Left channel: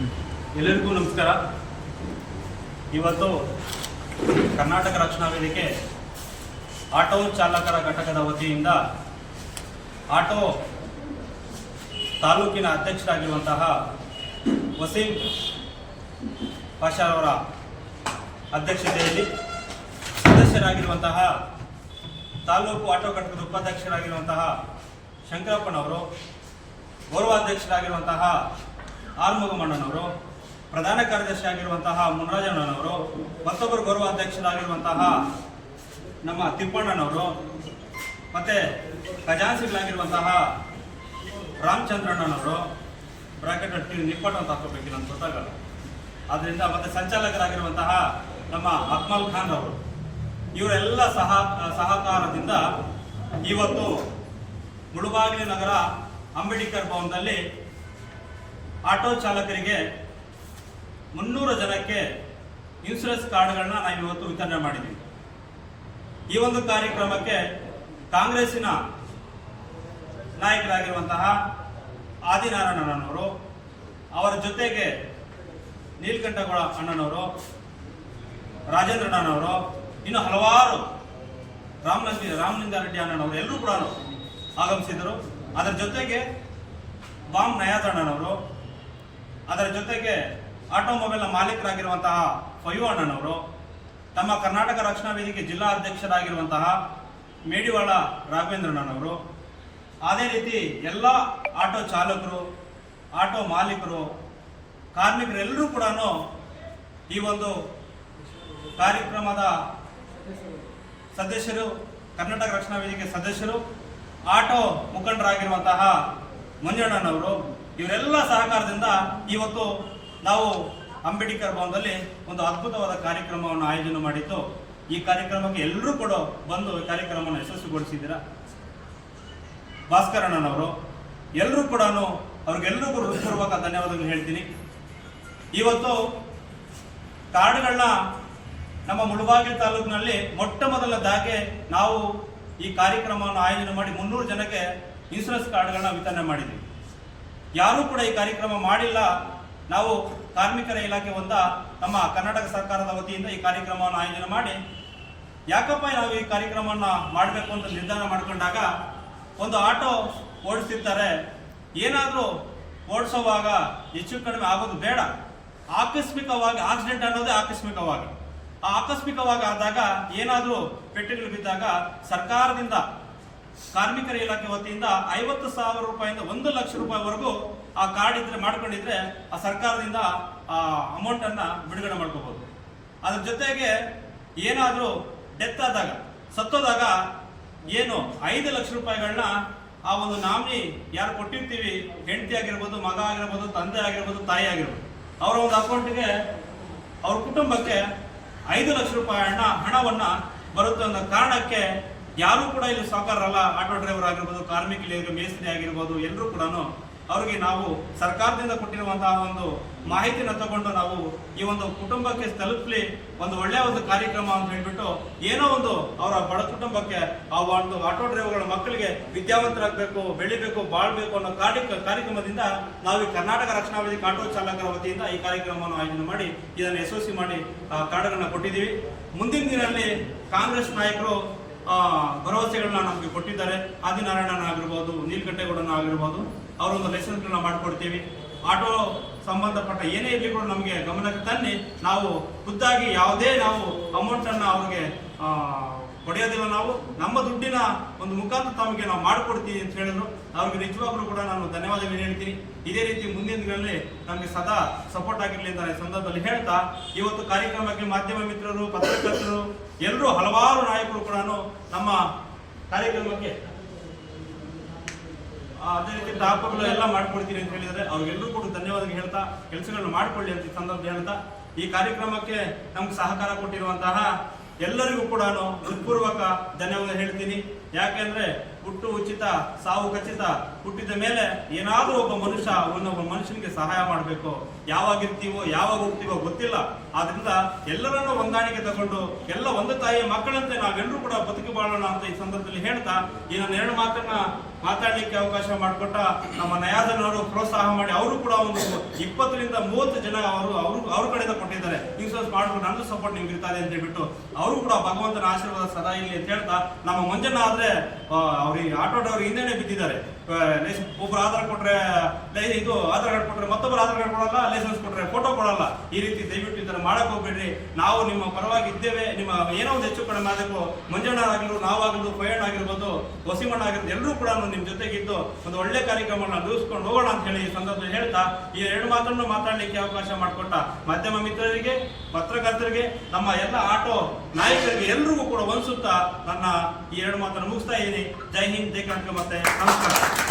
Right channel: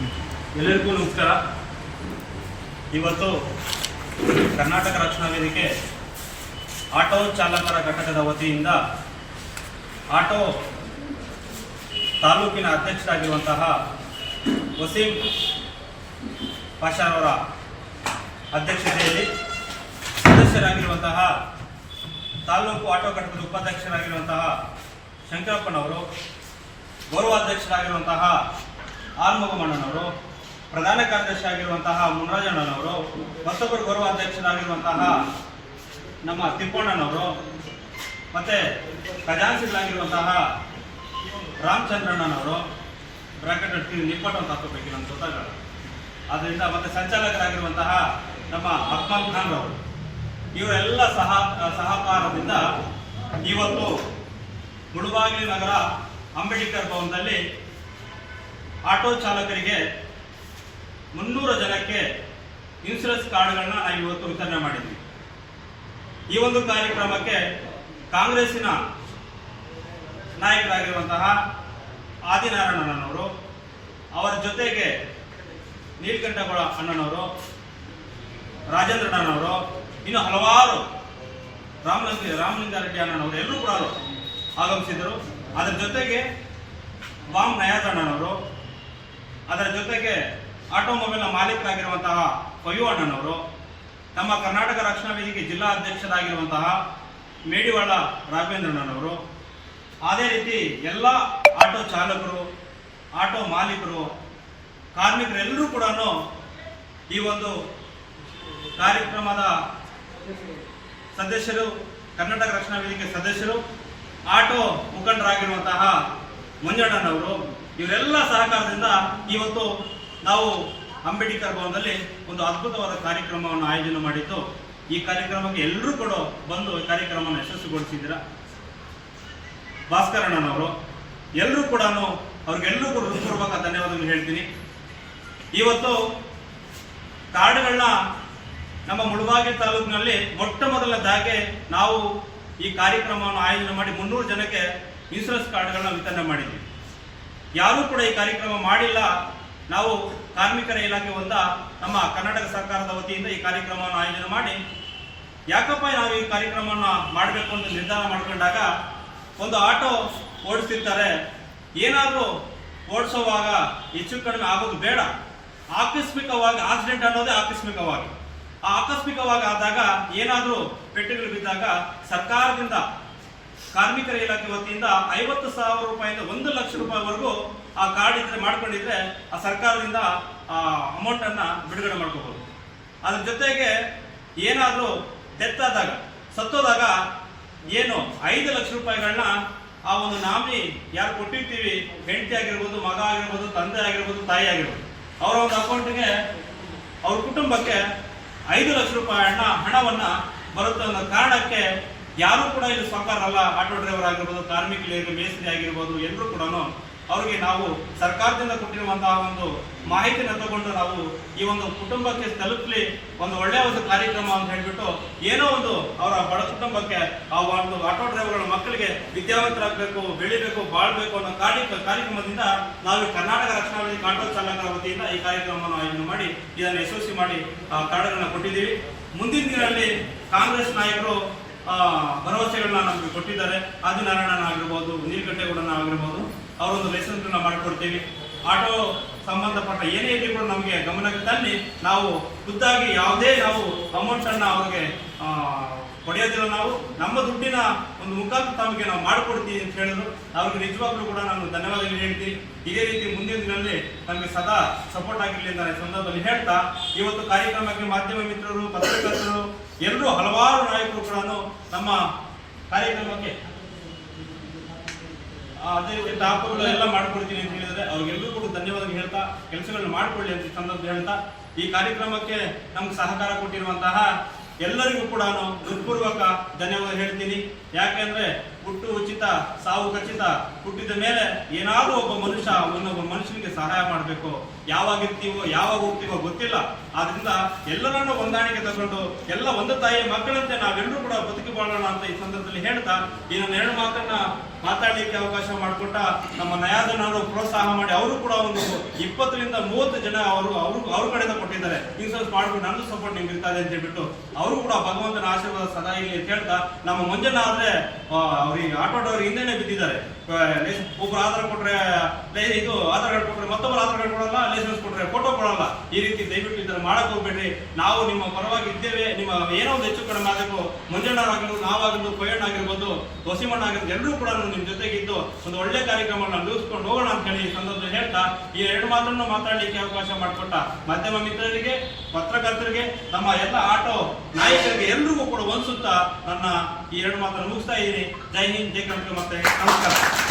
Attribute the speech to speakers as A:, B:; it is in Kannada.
A: ಎಲ್ಲರಿಗೂ ನಮಸ್ಕಾರ. ಇವತ್ತು ಕರ್ನಾಟಕ ರಕ್ಷಣಾ ವೇದಿಕೆ ಆಟೋ ಚಾಲಕರ ಘಟಕದ ವತಿಯಿಂದ ಆಟೋ ತಾಲೂಕಿನ ಅಧ್ಯಕ್ಷರಾಗಿರುವಂತಹ ವಸೀಂ ಪಾಷಾರವರ ಅಧ್ಯಕ್ಷತೆಯಲ್ಲಿ ಸದಸ್ಯರಾಗಿರುವಂತಹ ತಾಲೂಕು ಆಟೋ ಘಟಕದ ಉಪಾಧ್ಯಕ್ಷರಾಗಿರುವಂತಹ ಶಂಕರಪ್ಪನವರು, ಗೌರವಾಧ್ಯಕ್ಷರಾಗಿರುವಂತಹ ಆಲ್ಮಗಮಣ್ಣನವರು ಪ್ರಧಾನ ಕಾರ್ಯದರ್ಶಿ ಆಗಿರುವಂತಹ ಮುನರಾಜಣ್ಣನವರು, ಮತ್ತೊಬ್ಬರು ಗೌರವಾಧ್ಯಕ್ಷರಾಗಿರುವಂತಹ ನಮ್ಮ ತಿಪ್ಪಣ್ಣನವರು, ಮತ್ತೆ ಖಜಾನ್ಸಿಗಳಾಗಿರುವಂತಹ ರಾಮಚಂದ್ರಣ್ಣನವರು, ಬ್ರಾಕೆಟ್ ನಿಪ್ಪಟ್ಟು ಅಂತ ಹಾಕೋಬೇಕು ನನ್ನ ಗೊತ್ತಾಗಲ್ಲ. ಆದ್ದರಿಂದ ಮತ್ತೆ ಸಂಚಾಲಕರಾಗಿರುವಂತಹ ನಮ್ಮ ಅಕ್ಮಲ್ ಖಾನ್ ಅವರು ಇವರೆಲ್ಲ ಸಹ, ಸಹಕಾರದಿಂದ ಇವತ್ತು ಮುಳುಬಾಗಿಲು ನಗರ ಅಂಬೇಡ್ಕರ್ ಭವನದಲ್ಲಿ ಆಟೋ ಚಾಲಕರಿಗೆ ಮುನ್ನೂರು ಜನಕ್ಕೆ ಇನ್ಸೂರೆನ್ಸ್ ಕಾರ್ಡ್ಗಳನ್ನ ನಾವು ಇವತ್ತು ವಿತರಣೆ ಮಾಡಿದ್ವಿ. ಈ ಒಂದು ಕಾರ್ಯಕ್ರಮಕ್ಕೆ ಕಾಂಗ್ರೆಸ್ಸಿನ ನಾಯಕರಾಗಿರುವಂತಹ ಆದಿನಾರಾಯಣನವರು, ಅವರ ಜೊತೆಗೆ ನೀಲಕಂಠಗೌಡ ಅಣ್ಣನವರು, ರಾಜೇಂದ್ರಣ್ಣನವರು, ಇನ್ನು ಹಲವಾರು ರಾಮಲಿಂಗ, ರಾಮಲಿಂಗಾರೆಡ್ಡಿ ಅಣ್ಣನವರು ಎಲ್ಲರೂ ಕೂಡ ಆಗಮಿಸಿದರು ಅದರ ಜೊತೆಗೆ ಬಾಮ್ ಅಣ್ಣನವರು ಅದರ ಜೊತೆಗೆ ಆಟೋಮೊಬೈಲ್ನ ಮಾಲೀಕರಾಗಿರುವಂತಹ ಪಯು ಅಣ್ಣನವರು ತಮ್ಮ ಕರ್ನಾಟಕ ರಕ್ಷಣಾ ವೇದಿಕೆ ಜಿಲ್ಲಾ ಅಧ್ಯಕ್ಷರಾಗಿರುವಂತಹ ಮೇಡಿವಾಳ ರಾಘವೇಂದ್ರಣ್ಣನವರು, ಅದೇ ರೀತಿ ಎಲ್ಲ ಆಟೋ ಚಾಲಕರು, ಆಟೋ ಮಾಲೀಕರು, ಕಾರ್ಮಿಕರೆಲ್ಲರೂ ಕೂಡ ಈ ಒಂದು ಕಾರ್ಯಕ್ರಮದ ಸದಸ್ಯರು, ಕರ್ನಾಟಕ ರಕ್ಷಣಾ ವೇದಿಕೆ ಸದಸ್ಯರು, ಆಟೋ ಮುಖಂಡರಾಗಿರುವಂತಹ ಮಂಜಣ್ಣನವರು ಇವರೆಲ್ಲ ಸಹಕಾರದಿಂದ ಇವತ್ತು ನಾವು ಅಂಬೇಡ್ಕರ್ ಭವನದಲ್ಲಿ ಒಂದು ಅದ್ಭುತವಾದ ಕಾರ್ಯಕ್ರಮವನ್ನು ಆಯೋಜನೆ ಮಾಡಿದ್ದು, ಈ ಕಾರ್ಯಕ್ರಮಕ್ಕೆ ಎಲ್ಲರೂ ಕೂಡ ಬಂದು ಕಾರ್ಯಕ್ರಮವನ್ನು ಯಶಸ್ವಿಗೊಳಿಸಿದ್ದೀರ? ಭಾಸ್ಕರಣ್ಣನವರು ಎಲ್ಲರೂ ಕೂಡ ಅವ್ರಿಗೆಲ್ಲರಿಗೂ ಹೃತ್ಪೂರ್ವಕ ಧನ್ಯವಾದಗಳು ಹೇಳ್ತೀನಿ. ಇವತ್ತು ಕಾರ್ಡ್ಗಳನ್ನ ನಮ್ಮ ಮುಳಬಾಗಿ ತಾಲೂಕಿನಲ್ಲಿ ಮೊಟ್ಟ ಮೊದಲದಾಗೆ ನಾವು ಈ ಕಾರ್ಯಕ್ರಮವನ್ನು ಆಯೋಜನೆ ಮಾಡಿ ಮುನ್ನೂರು ಜನಕ್ಕೆ ಇನ್ಸೂರೆನ್ಸ್ ಕಾರ್ಡ್ಗಳನ್ನ ವಿತರಣೆ ಮಾಡಿದ್ವಿ. ಯಾರೂ ಕೂಡ ಈ ಕಾರ್ಯಕ್ರಮ ಮಾಡಿಲ್ಲ. ನಾವು ಕಾರ್ಮಿಕರ ಇಲಾಖೆ ಒಂದ, ನಮ್ಮ ಕರ್ನಾಟಕ ಸರ್ಕಾರದ ವತಿಯಿಂದ ಈ ಕಾರ್ಯಕ್ರಮವನ್ನು ಆಯೋಜನೆ ಮಾಡಿ. ಯಾಕಪ್ಪ ನಾವು ಈ ಕಾರ್ಯಕ್ರಮವನ್ನು ಮಾಡಬೇಕು ಅಂತ ನಿರ್ಧಾರ ಮಾಡಿಕೊಂಡಾಗ ಒಂದು ಆಟೋ ಓಡಿಸ್ತಿರ್ತಾರೆ. ಏನಾದರೂ ಓಡಿಸೋವಾಗ ಹೆಚ್ಚು ಕಡಿಮೆ ಆಗೋದು ಬೇಡ. ಆಕಸ್ಮಿಕವಾಗಿ ಆಕ್ಸಿಡೆಂಟ್ ಅನ್ನೋದೇ ಆಕಸ್ಮಿಕವಾಗಿ. ಆ ಆಕಸ್ಮಿಕವಾಗಿ ಆದಾಗ ಏನಾದರೂ ಪೆಟ್ಟಿಗಳು ಬಿದ್ದಾಗ ಸರ್ಕಾರದಿಂದ ಕಾರ್ಮಿಕರ ಇಲಾಖೆ ವತಿಯಿಂದ ಐವತ್ತು ಸಾವಿರ ರೂಪಾಯಿಂದ ಒಂದು ಲಕ್ಷ ರೂಪಾಯಿವರೆಗೂ ಆ ಕಾರ್ಡ್ ಇದ್ರೆ ಮಾಡ್ಕೊಂಡಿದ್ರೆ ಆ ಸರ್ಕಾರದಿಂದ ಆ ಅಮೌಂಟ್ ಅನ್ನ ಬಿಡುಗಡೆ ಮಾಡ್ಕೋಬಹುದು ಅದ್ರ ಜೊತೆಗೆ ಏನಾದರೂ ಡೆತ್ ಆದಾಗ, ಸತ್ತೋದಾಗ ಏನು ಐದು ಲಕ್ಷ ರೂಪಾಯಿಗಳನ್ನ ಆ ಒಂದು ನಾಮಿನಿ ಯಾರು ಕೊಟ್ಟಿರ್ತೀವಿ, ಹೆಂಡತಿ ಆಗಿರ್ಬೋದು, ಮಗ ಆಗಿರ್ಬೋದು, ತಂದೆ ಆಗಿರ್ಬೋದು, ತಾಯಿ ಆಗಿರ್ಬೋದು, ಅವರ ಒಂದು ಅಕೌಂಟ್ಗೆ ಅವ್ರ ಕುಟುಂಬಕ್ಕೆ ಐದು ಲಕ್ಷ ರೂಪಾಯಿ ಹಣ ಹಣವನ್ನ ಬರುತ್ತೆ ಅನ್ನೋ ಕಾರಣಕ್ಕೆ ಯಾರು ಕೂಡ ಇಲ್ಲಿ ಸಾವುಕಾರರಲ್ಲ ಆಟೋ ಡ್ರೈವರ್ ಆಗಿರ್ಬೋದು ಕಾರ್ಮಿಕರಿಗೆ ಮೇಸ್ತ್ರಿ ಆಗಿರ್ಬೋದು, ಎಲ್ಲರೂ ಕೂಡ ಅವರಿಗೆ ನಾವು ಸರ್ಕಾರದಿಂದ ಕೊಟ್ಟಿರುವಂತಹ ಒಂದು ಮಾಹಿತಿನ ತಗೊಂಡು ನಾವು ಈ ಒಂದು ಕುಟುಂಬಕ್ಕೆ ತಲುಪಲಿ ಒಂದು ಒಳ್ಳೆಯ ಒಂದು ಕಾರ್ಯಕ್ರಮ ಅಂತ ಹೇಳ್ಬಿಟ್ಟು ಏನೋ ಒಂದು ಅವರ ಬಡ ಕುಟುಂಬಕ್ಕೆ ಆ ಒಂದು ಆಟೋ ಡ್ರೈವರ್ಗಳ ಮಕ್ಕಳಿಗೆ ವಿದ್ಯಾವಂತರಾಗಬೇಕು, ಬೆಳಿಬೇಕು, ಬಾಳ್ಬೇಕು ಅನ್ನೋ ಕಾರ್ಯ, ಕಾರ್ಯಕ್ರಮದಿಂದ ನಾವು ಕರ್ನಾಟಕ ರಕ್ಷಣಾ ವೇದಿಕೆ ಆಟೋ ಚಾಲಕರ ವತಿಯಿಂದ ಈ ಕಾರ್ಯಕ್ರಮವನ್ನು ಆಯೋಜನೆ ಮಾಡಿ, ಇದನ್ನು ಯಶಸ್ವಿ ಮಾಡಿ ಕಾರ್ಡ್ಗಳನ್ನ ಕೊಟ್ಟಿದ್ದೀವಿ. ಮುಂದಿನ ದಿನದಲ್ಲಿ ಕಾಂಗ್ರೆಸ್ ನಾಯಕರು ಭರವಸೆಗಳನ್ನ ನಮಗೆ ಕೊಟ್ಟಿದ್ದಾರೆ. ಆದಿನಾರಾಯಣನ ಆಗಿರ್ಬೋದು, ನೀಲಕಂಠೇಗೌಡನ ಆಗಿರ್ಬೋದು, ಅವರೊಂದು ಲೈಸೆನ್ಸ್ಗಳನ್ನ ಮಾಡಿಕೊಡ್ತೀವಿ. ಆಟೋ ಸಂಬಂಧಪಟ್ಟ ಏನೇ ಇರಲಿ ಕೂಡ ನಮಗೆ ಗಮನಕ್ಕೆ ತನ್ನಿ. ನಾವು ಖುದ್ದಾಗಿ ಯಾವುದೇ ನಾವು ಅಮೌಂಟನ್ನು ಅವ್ರಿಗೆ ಪಡೆಯೋದಿಲ್ಲ ನಾವು. ನಮ್ಮ ದುಡ್ಡಿನ ಒಂದು ಮುಖಾಂತರ ತಮಗೆ ನಾವು ಮಾಡಿಕೊಡ್ತೀವಿ ಅಂತ ಹೇಳಿದ್ರು. ಅವ್ರಿಗೆ ನಿಜವಾಗ್ಲೂ ಕೂಡ ನಾನು ಧನ್ಯವಾದಗಳು ಹೇಳ್ತೀನಿ. ಇದೇ ರೀತಿ ಮುಂದಿನ ದಿನದಲ್ಲಿ ನಮಗೆ ಸದಾ ಸಪೋರ್ಟ್ ಆಗಿರಲಿ ಅಂತ ಸಂದರ್ಭದಲ್ಲಿ ಹೇಳ್ತಾ, ಇವತ್ತು ಕಾರ್ಯಕ್ರಮಕ್ಕೆ ಮಾಧ್ಯಮ ಮಿತ್ರರು, ಪತ್ರಕರ್ತರು ಎಲ್ಲರೂ ಹಲವಾರು ನಾಯಕರು ಕೂಡ ನಮ್ಮ ಕಾರ್ಯಕ್ರಮಕ್ಕೆ ಅದೇ ರೀತಿ ಟಾಪ್ಗಳು ಎಲ್ಲ ಮಾಡ್ಕೊಡ್ತೀನಿ ಅಂತ ಹೇಳಿದರೆ ಅವ್ರಿಗೆಲ್ಲರೂ ಕೂಡ ಧನ್ಯವಾದ ಹೇಳ್ತಾ, ಕೆಲಸಗಳನ್ನು ಮಾಡ್ಕೊಳ್ಳಿ ಅಂತ ಸಂದರ್ಭ ಹೇಳ್ತಾ, ಈ ಕಾರ್ಯಕ್ರಮಕ್ಕೆ ನಮ್ಗೆ ಸಹಕಾರ ಕೊಟ್ಟಿರುವಂತಹ ಎಲ್ಲರಿಗೂ ಕೂಡ ನಾನು ಹೃತ್ಪೂರ್ವಕ ಧನ್ಯವಾದ ಹೇಳ್ತೀನಿ. ಯಾಕೆಂದ್ರೆ ಹುಟ್ಟು ಉಚಿತ ಸಾವು ಖಚಿತ ಹುಟ್ಟಿದ ಮೇಲೆ ಏನಾದರೂ ಒಬ್ಬ ಮನುಷ್ಯ ಒಂದೊಬ್ಬ ಮನುಷ್ಯನಿಗೆ ಸಹಾಯ ಮಾಡಬೇಕು. ಯಾವಾಗ ಇರ್ತೀವೋ, ಯಾವಾಗ ಹೋಗ್ತೀವೋ ಗೊತ್ತಿಲ್ಲ. ಆದ್ರಿಂದ ಎಲ್ಲರನ್ನೂ ಹೊಂದಾಣಿಕೆ ತಗೊಂಡು, ಎಲ್ಲ ಒಂದು ತಾಯಿಯ ಮಕ್ಕಳಂತೆ ನಾವೆಲ್ಲರೂ ಕೂಡ ಬದುಕಿ ಬಾಳೋಣ ಅಂತ ಈ ಸಂದರ್ಭದಲ್ಲಿ ಹೇಳ್ತಾ, ಈ ನನ್ನ ಎರಡು ಮಾತನ್ನ ಮಾತಾಡ್ಲಿಕ್ಕೆ ಅವಕಾಶ ಮಾಡಿಕೊಟ್ಟ ನಮ್ಮ ನಯಾದನವರು ಪ್ರೋತ್ಸಾಹ ಮಾಡಿ, ಅವರು ಕೂಡ ಒಂದು ಇಪ್ಪತ್ತರಿಂದ ಮೂವತ್ತು ಜನ ಅವರು ಅವರು, ಅವ್ರ ಕಡೆಯಿಂದ ಕೊಟ್ಟಿದ್ದಾರೆ. ಇನ್ಸೂರೆನ್ಸ್ ಮಾಡ್ಕೊಂಡು ನಂದು ಸಪೋರ್ಟ್ ನಿಮ್ಗೆ ಇರ್ತಾರೆ ಅಂತ ಹೇಳ್ಬಿಟ್ಟು ಅವರು ಕೂಡ ಭಗವಂತನ ಆಶೀರ್ವಾದ ಸದಾ ಇಲ್ಲಿ ಅಂತ ಹೇಳ್ತಾ, ನಮ್ಮ ಮಂಜಣ್ಣ ಆದ್ರೆ ಅವ್ರಿಗೆ ಆಟೋ ಡ್ರೈವರ್ ಹಿಂದೆನೆ ಬಿದ್ದಿದ್ದಾರೆ. ಒಬ್ಬರು ಆಧಾರ ಕೊಟ್ರೆ ಇದು ಆಧಾರ್ ಕಾರ್ಡ್ ಕೊಟ್ರೆ ಮತ್ತೊಬ್ಬರು ಆಧಾರ್ ಕಾರ್ಡ್ ಕೊಡಲ್ಲ ಲೈಸೆನ್ಸ್ ಕೊಟ್ರೆ ಫೋಟೋ ಕೊಡಲ್ಲ. ಈ ರೀತಿ ದಯವಿಟ್ಟು ಇದನ್ನು ಮಾಡಕ್ ಹೋಗ್ಬೇಡ್ರಿ. ನಾವು ನಿಮ್ಮ ಪರವಾಗಿ ಇದ್ದೇವೆ ನಿಮ್ಮ ಏನೋ ಒಂದು ಹೆಚ್ಚು ಕಡಿಮೆ ಆಗಬೇಕು. ಆಗ್ಲು ನಾವಾಗಿರ್ಬೋದು ಪಯಣ್ಣ ಆಗಿರ್ಬೋದು, ಹೊಸಿಮಣ್ಣ ಆಗಿರ್ಬೋದು, ಎಲ್ಲರೂ ಕೂಡ ನಿಮ್ ಜೊತೆಗಿದ್ದು ಒಂದು ಒಳ್ಳೆ ಕಾರ್ಯಕ್ರಮವನ್ನು ನಡೆಸ್ಕೊಂಡು ಹೋಗೋಣ ಅಂತ ಹೇಳಿ ಈ ಸಂದರ್ಭದಲ್ಲಿ ಹೇಳ್ತಾ, ಈ ಎರಡು ಮಾತನ್ನು ಮಾತಾಡಲಿಕ್ಕೆ ಅವಕಾಶ ಮಾಡಿಕೊಟ್ಟ ಮಾಧ್ಯಮ ಮಿತ್ರರಿಗೆ, ಪತ್ರಕರ್ತರಿಗೆ, ನಮ್ಮ ಎಲ್ಲ ಆಟೋ ನಾಯಕರಿಗೆ ಎಲ್ರಿಗೂ ಕೂಡ ಒಂದ್ಸುತ್ತಾ ನನ್ನ ಈ ಎರಡು ಮಾತನ್ನು ಮುಗಿಸ್ತಾ ಇದ್ದೀನಿ. ಜೈ ಹಿಂದ್, ಜೈ ಕರ್ನಾಟಕ ಮತ್ತೆ ನಮಸ್ಕಾರ.